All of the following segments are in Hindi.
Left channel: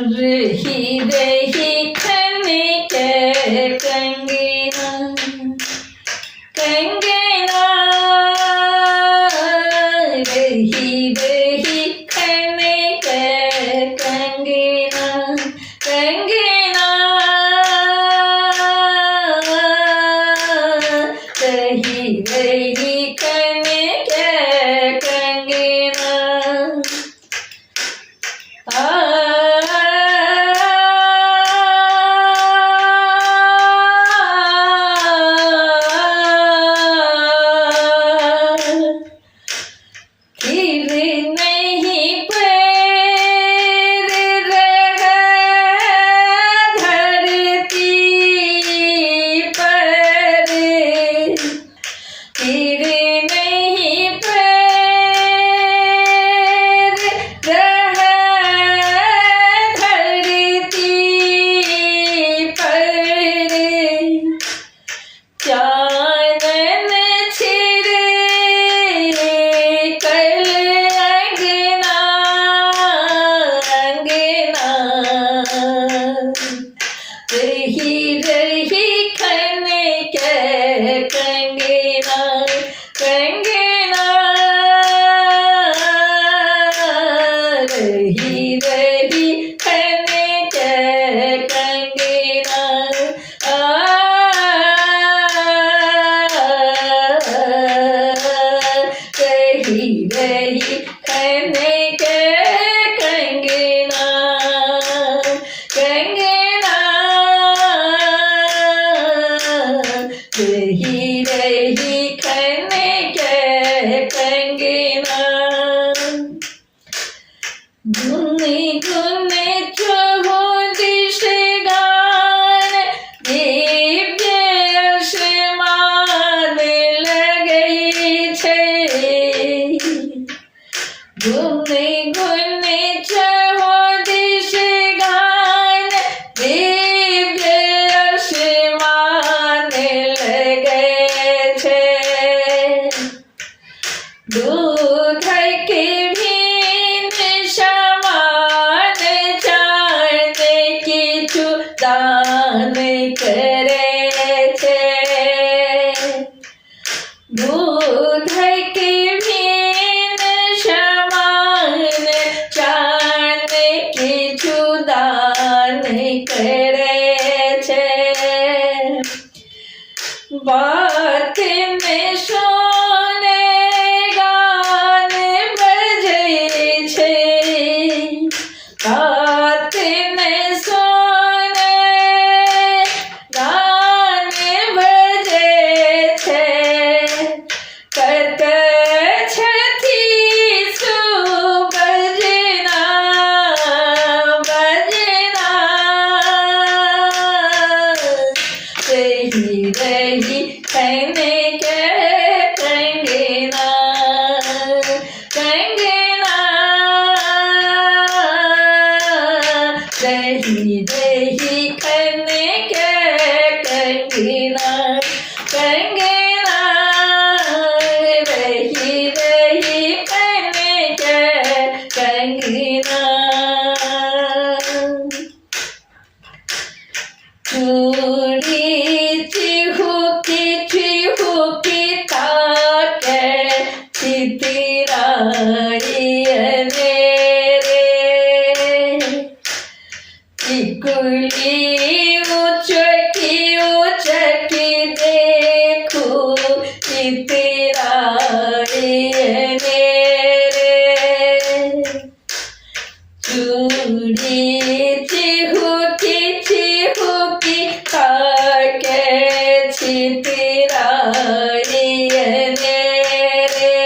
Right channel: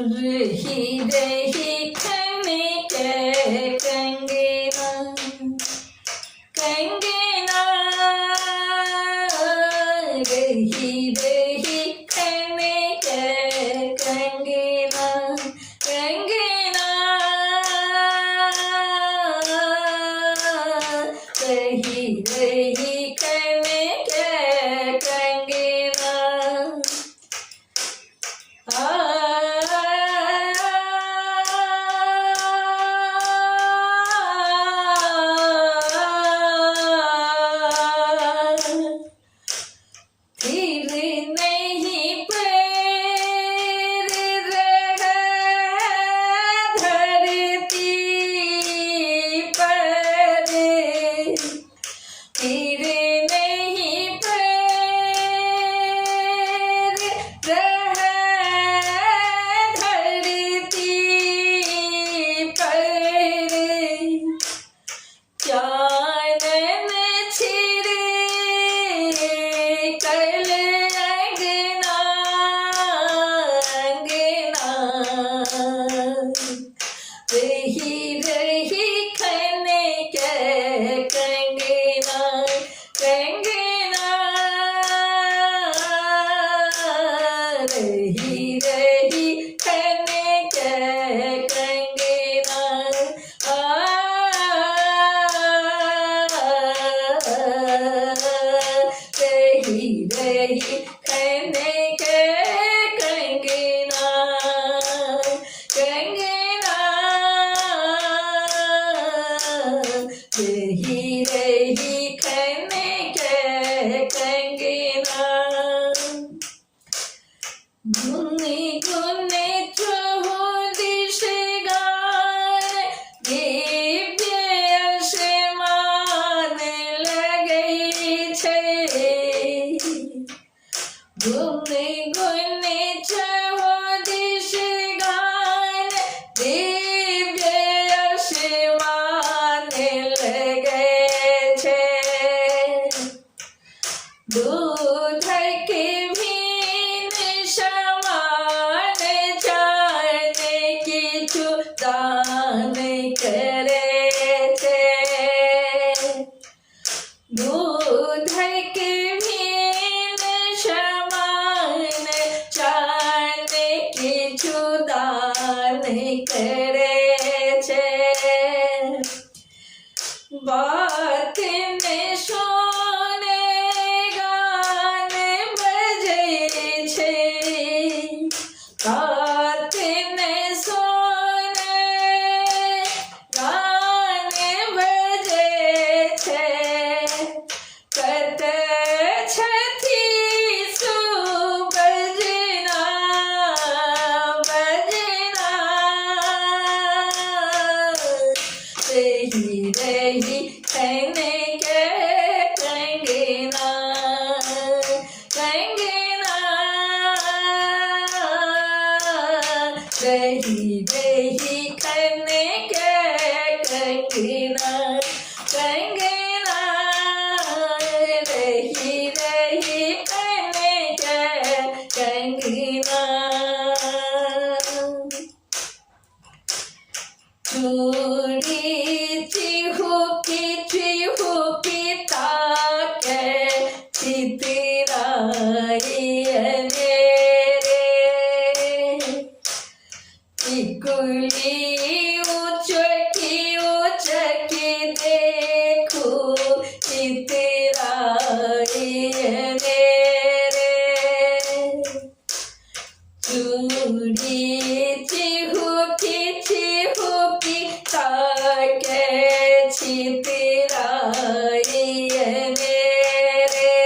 रही रही खने के कंगना कंगना रही रही खने के कंगना कंगना रही रही खने के कंगना रही रही खने के कंगना कंगना रही रही खने के कंगना रही रही खने के कंगना रही रही खने के कंगना गुने गुने चहुदिश गान दिव्य आसमान लगै छै गुने गुने चहुदिश गान दिव्य आसमान दूध के भीन समान जाने किछु दान करे छे दूध के भीन समान जाने किछु दान करे छे बात में सोने गान बजे छे बात में सोने गान बजे छे कत छथि सुबजना बजना रही रही खने के कंगना कंगना रही रही खने के कंगना कंगना रही रही खने के कंगना चूड़ी चिहुकी ताके चितिराई अनेरे टिकुली उचकी देखू चितिराई अनेरे चूड़ी चिहुकी ताके चितिराई अनेरे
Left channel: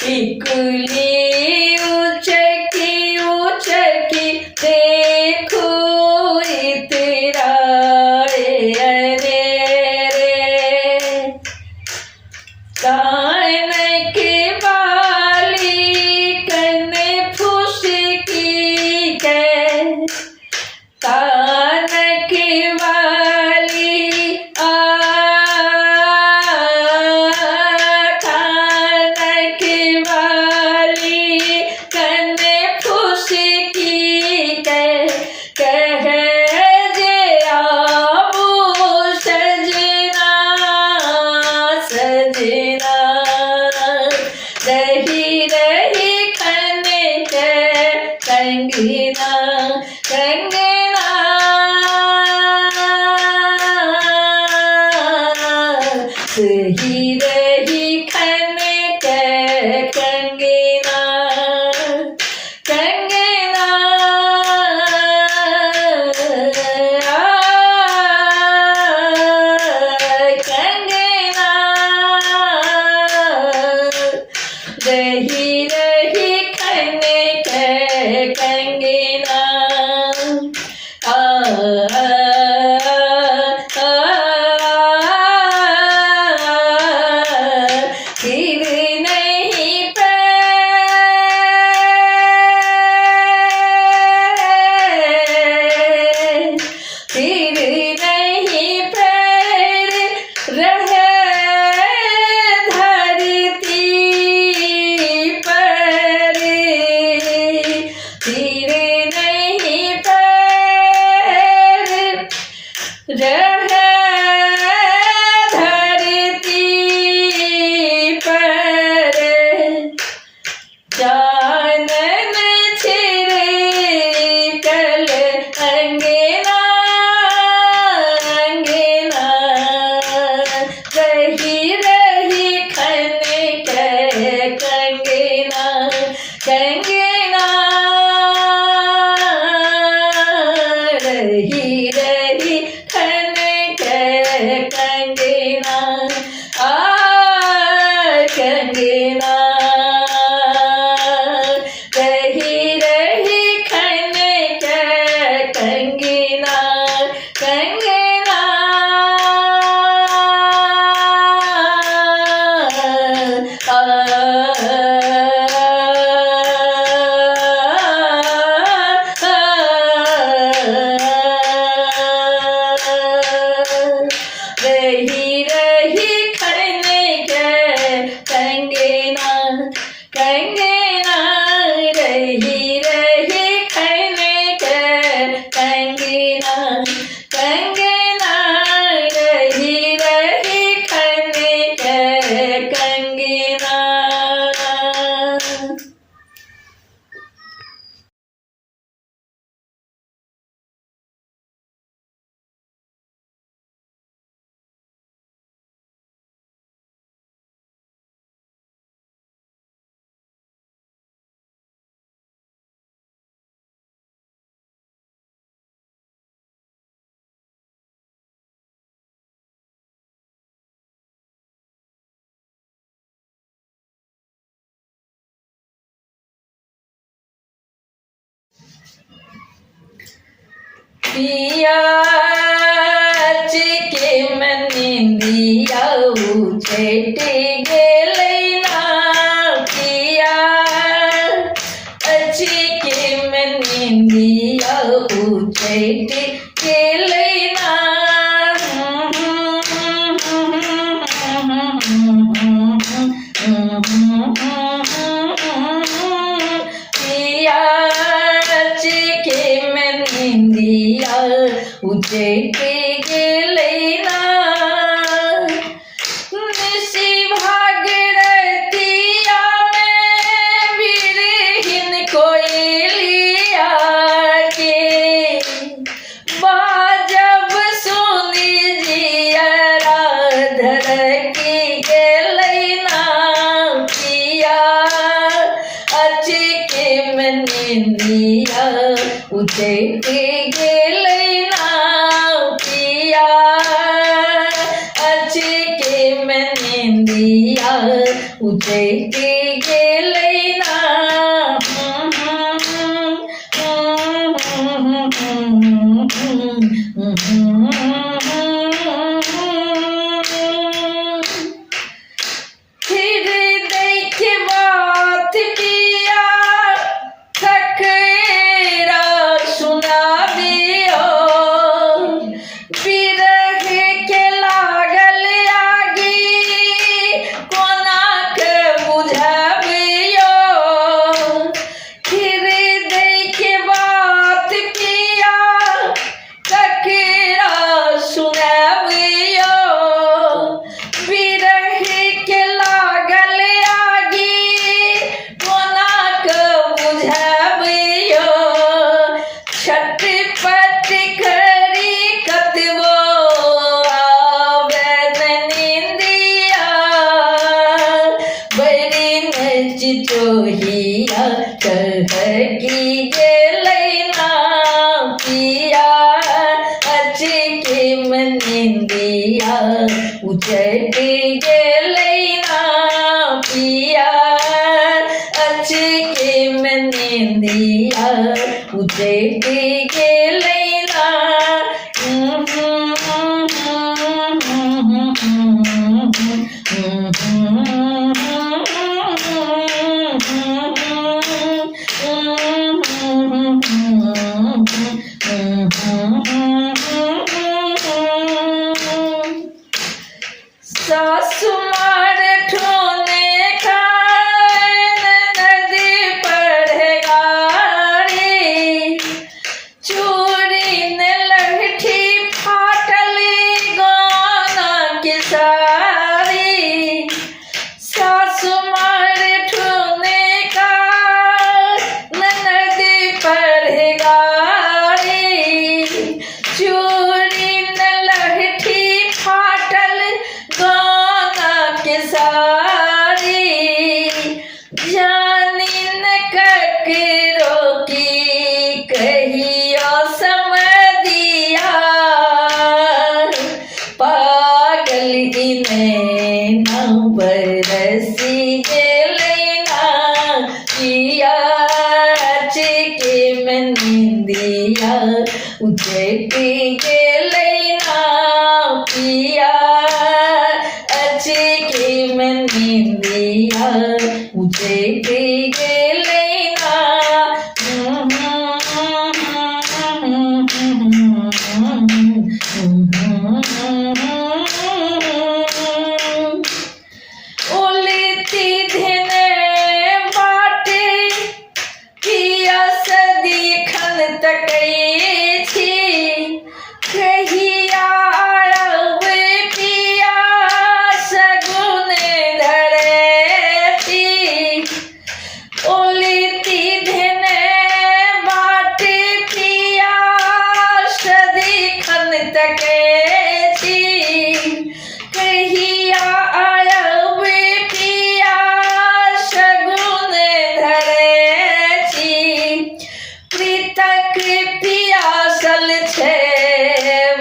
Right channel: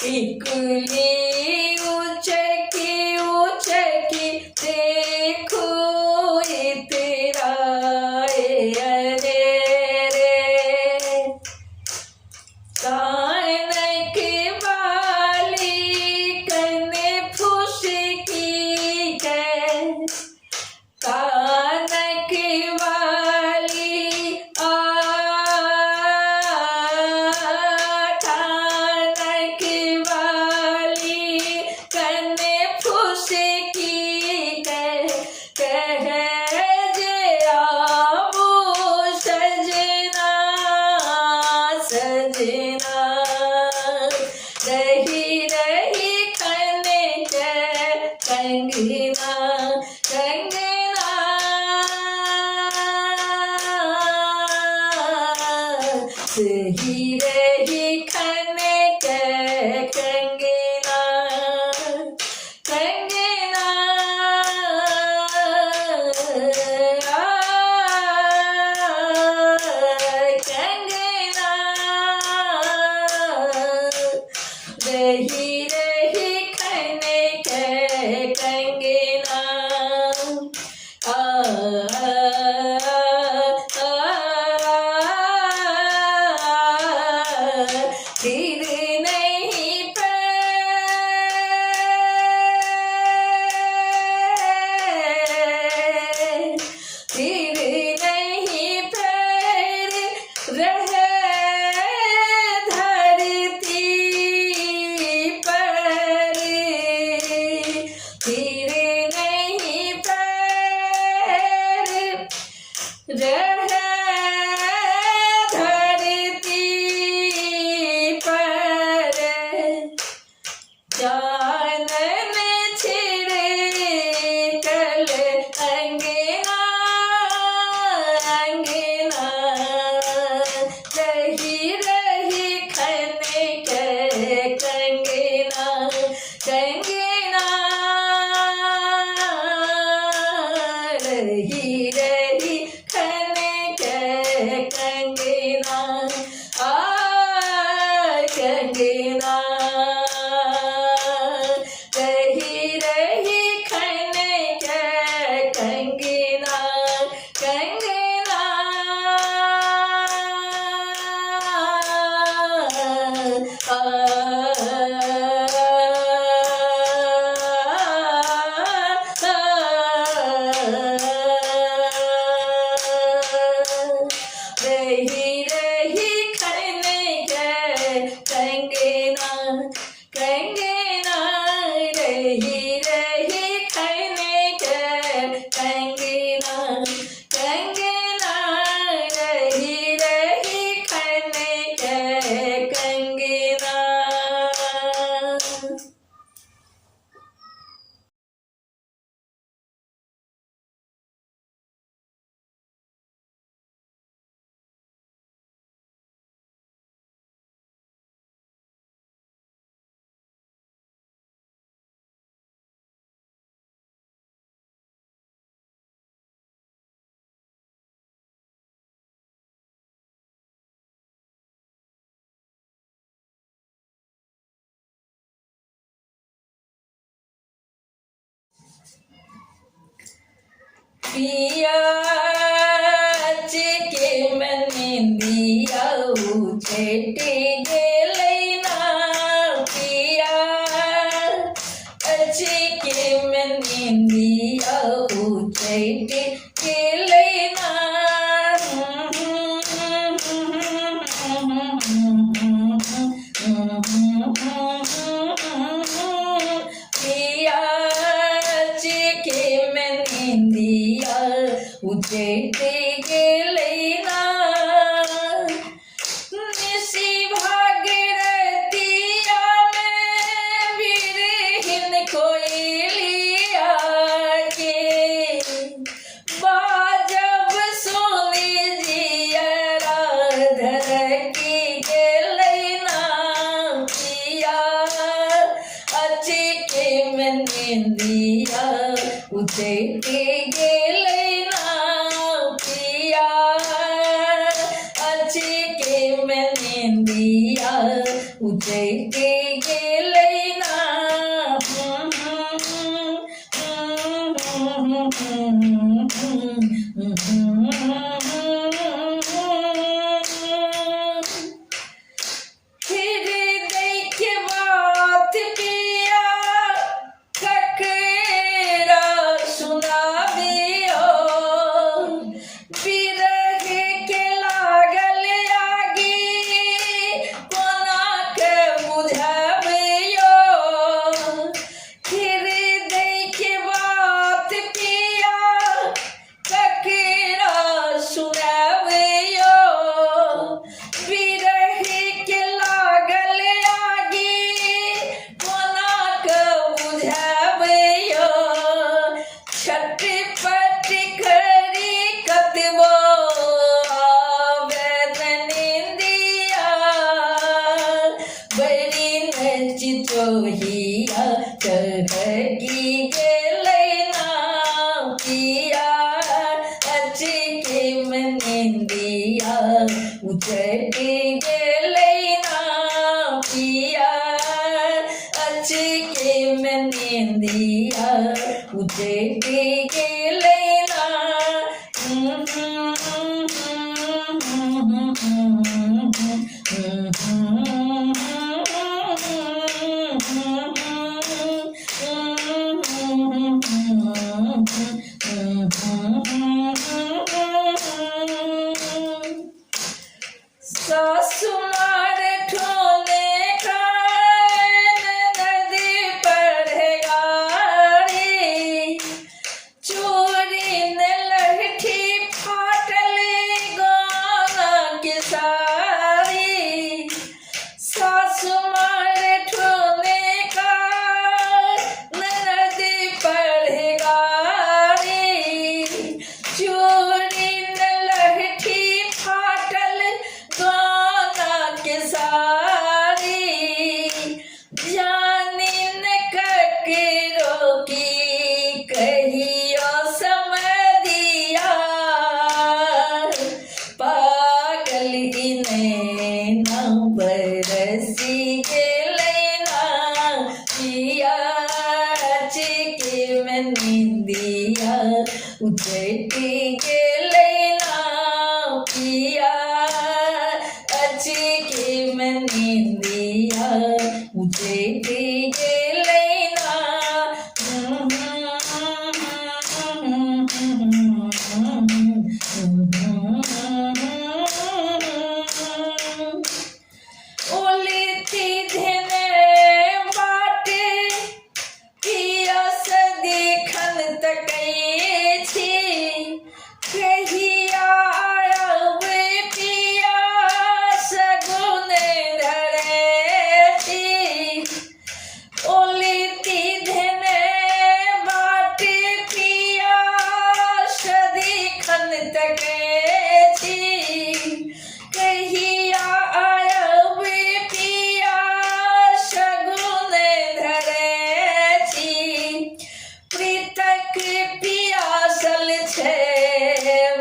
टिकुली उचकी देखो इतिराई अनेरे कान के बाली कने फुसकी के कान के वाली कान के वाली कने फुसकी रही रही खने के कंगना फिर नहीं फिर नहीं पैर रहे धरती पर फिर नहीं पैर रहे धरती पर चानन छिड़े कल अंगना अंगना रही रही खने के कंगना कंगना रही रही खने के कंगना कंगना रही रही खने के कंगना कंगना रही रही खने के कंगना कंगना रही रही खने के कंगना कंगना रही रही खने के कंगना पिया के मन दिया छेट गेलै ना पिया के मन दिया छेट गेलै ना पिया के मन दिया उछेट गेलै ना निसी भागीरथिया में बिरहिन कोयलिया के बाजब सुनी जियरा धड़की गेलै ना पिया के मन दिया उछेट गेलै ना पिया के मन दिया उछेट गेलै ना हृदय के बात पिया खखरा सुनाबियो बिरह के लागल आगी कोना के बुझबियो हृदय के बात पिया खखरा सुनाबियो बिरह के लागल आगी कोना के बुझबियो छटपट करी कतबो आवेन निंदिया बड़ी नचिचोहिया चढ़की गेलै ना पिया के मन दिया उछट गेलै ना पिया सुमार ठोने का ननद पढ़ेगा रे चोरी न लहठी फाटल गाना के सारी जानी न ककरो की कहियो समदिया पागल इने न बरसी गेलैना पिया चिके में निंदिया उचट गेलैना पिया चिके में निंदिया उचट गेलैना उलती धने बाटे किया सदीखन तकई छी कहिया आवे पिया सगुने धरे छी उलती धने बाटे पिया सदीखन तकई छी कहिया आवे पिया सगुन धरे छी प्रीतक पियासल छे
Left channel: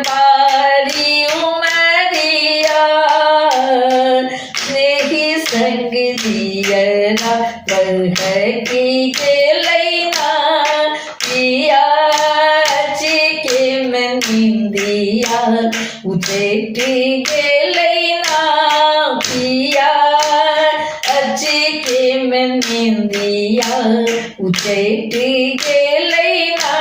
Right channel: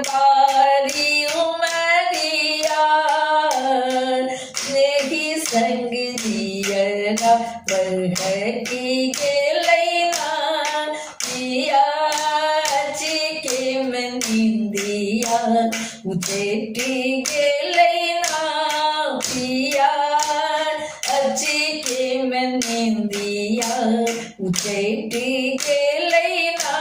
बारी उमरिया नेही संग दियरा बरहकी गेलैना पिया चिके में निंदिया उचट गेलैना पिया चिके में निंदिया उचट गेलैना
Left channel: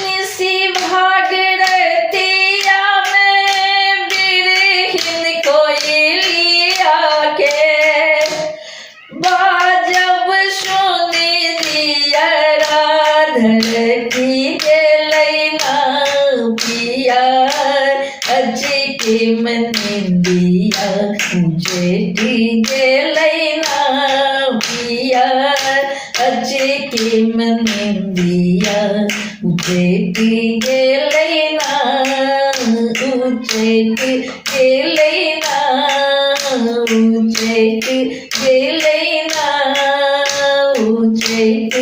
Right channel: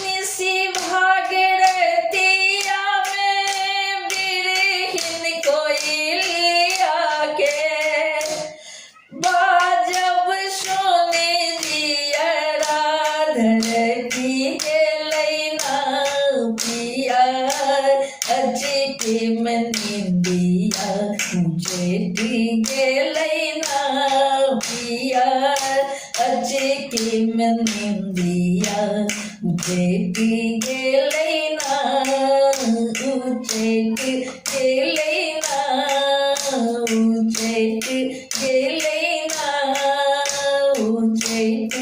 निसी भागरतिया में बिरहिन कोयलिया के बाजब सुनी दियरा धरती गेलैना पिया चिके में निंदिया उचट गेलैना पिया चिके में निंदिया उचट गेलैना उचट गेलैना उचट गेलैना उचट